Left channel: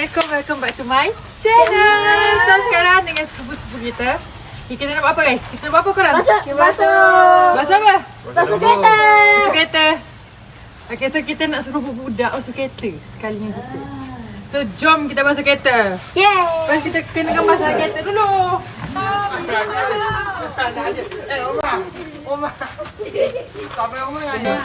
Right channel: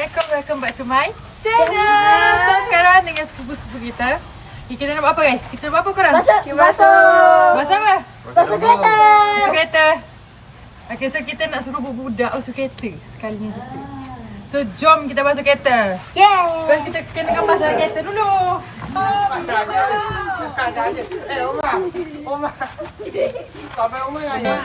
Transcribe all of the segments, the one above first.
Assalamualaikum, welcome back to my channel. So sekarang dengan sepupu-sepupu kita, kita nak buat apa guys? Kita nak buat apa korang? Basuh apa? Basuh kereta. Basuh kereta. Okay, so kita nak suruh budak basuh kereta sekali dengan kita. So jom kita basuh kereta. Yeay. Lepas kita kena pasang kereta dulu. Oma. Sampai Oma nanya.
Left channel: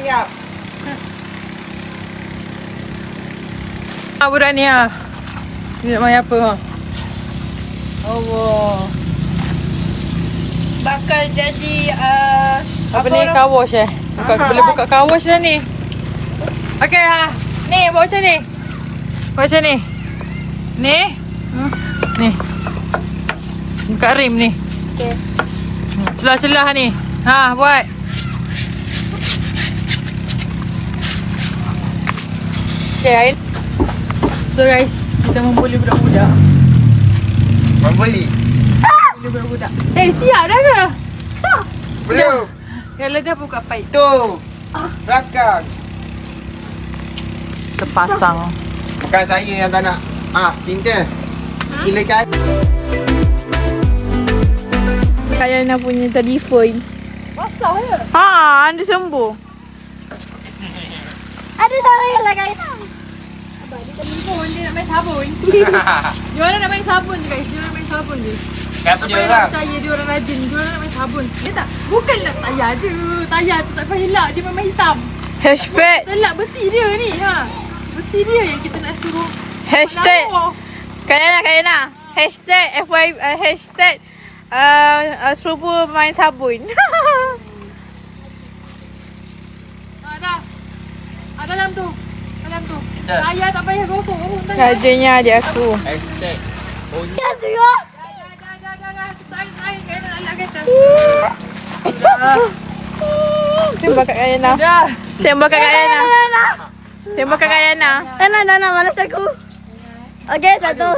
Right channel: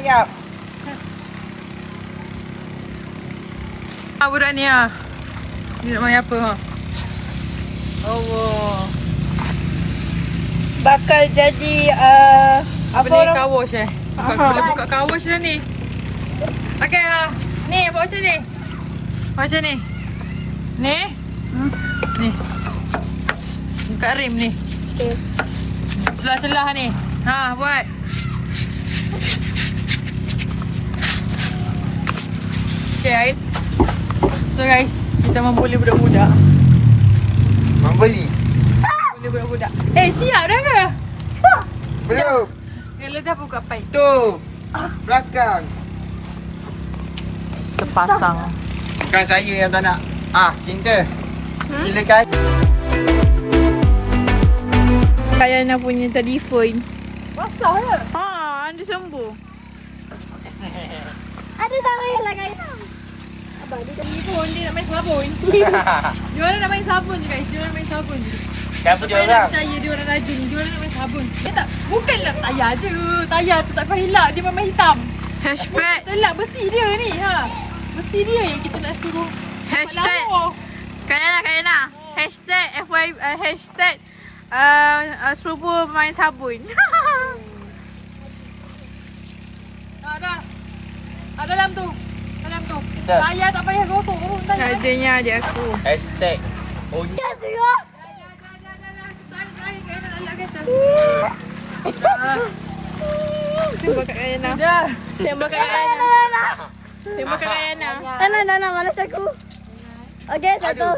Kejap. Budak ni ha. Ni nak main apa ha? Allah. Bakal jadi Apa ni car wash Boleh buka car wash dah ni. Okey ha. Ni buat macam ni. Buat macam ni. Ni. Ni. Buka rim ni. Okey. Celah-celah ni. Ha, buat. Okay, so guys, kita membuli budak-budak. Membeli. Membuli budak-budak. Siap dah ke? Belum. Kalau dah buka pipe. Tu. Rakan. Terpasang. Bukan saya yang tak nak. Cinta. Silakan. Kayana punya telefon. Pasang ke? Anda sembuh. Ada tak yang lain tau. Abang dia tak telefon, dia nak main sabun. Dia orang nak main sabun je guys. Dia orang nak main sabun je. Kata Apa yang nak percaya dia orang rajin. Dia orang nak main sabun. Dia tak, bukanlah tayar je. Tayar tu tak kau elak. Dia memang hitam. Hashtag. Telak besi dia ni ha. Besi dia yang kita nak suruh. Hashtag. Kayana. Hashtag FY. Hashtag. Sepupu main sabun. Dah. Dalam tu. Dah. Tayar tak payah gosok. Rajinnya adik aku. Hashtag. Only. Dah. Air nak nak kereta. Tembak kat Kayana. Dah. Tembak kat Kayana. Tembak kat Kayana. Dana, malas aku. Okey, satu.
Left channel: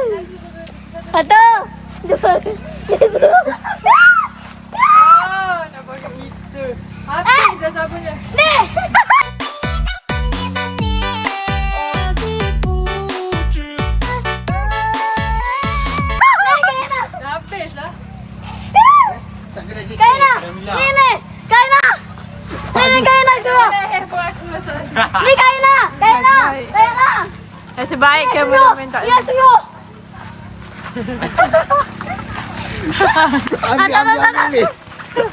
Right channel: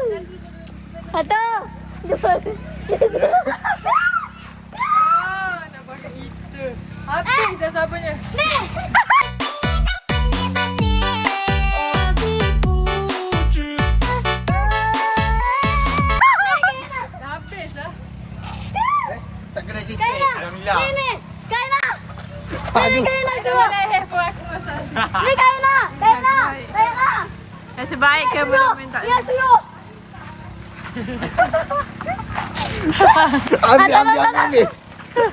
Nak pakai kita. Habis dah sabunnya. Dah habis lah. Tak kena cerita. Alhamdulillah. Kayana semua. Boleh pun aku. Ni Kayana. Nasib baik kameraman tak ada.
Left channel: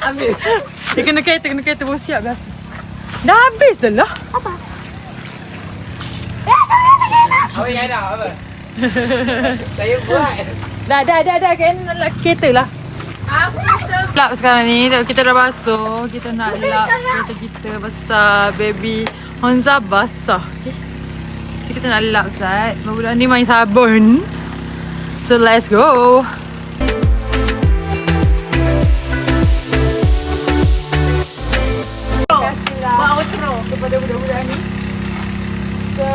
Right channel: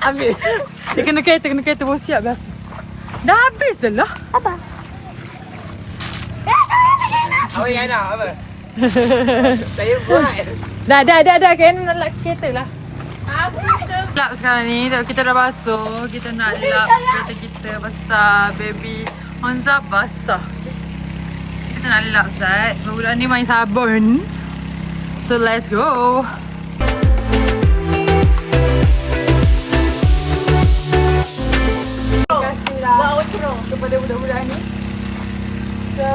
Ambil. Dia kena kereta pun siap biasa. Dah habis dah lah. Awak yang nak apa? Saya buat. Dah. Kena nak lap kereta lah. Lap sekarang ni, kita dah basuh. Kita nak lap kereta kita basah. Baby Honza basah. So kita nak lap Zat. Budak ni main sabun. So let's go. Buat outro kepada budak-budak ni. So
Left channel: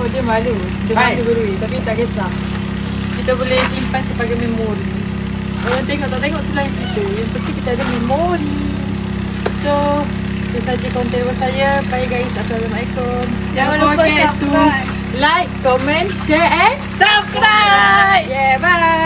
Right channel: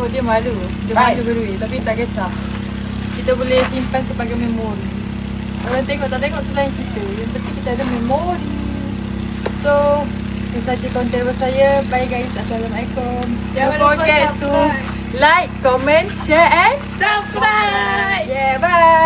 oh dia malu. Dia malu berdua tapi tak kisah. Kita boleh simpan sebagai memori. Orang tengok tak tengok tu lain cerita. Yang penting kita ada memori. So itu saja konten saya. Bye guys. Assalamualaikum. Jangan forget to like, comment, share and subscribe. Yeah, bye.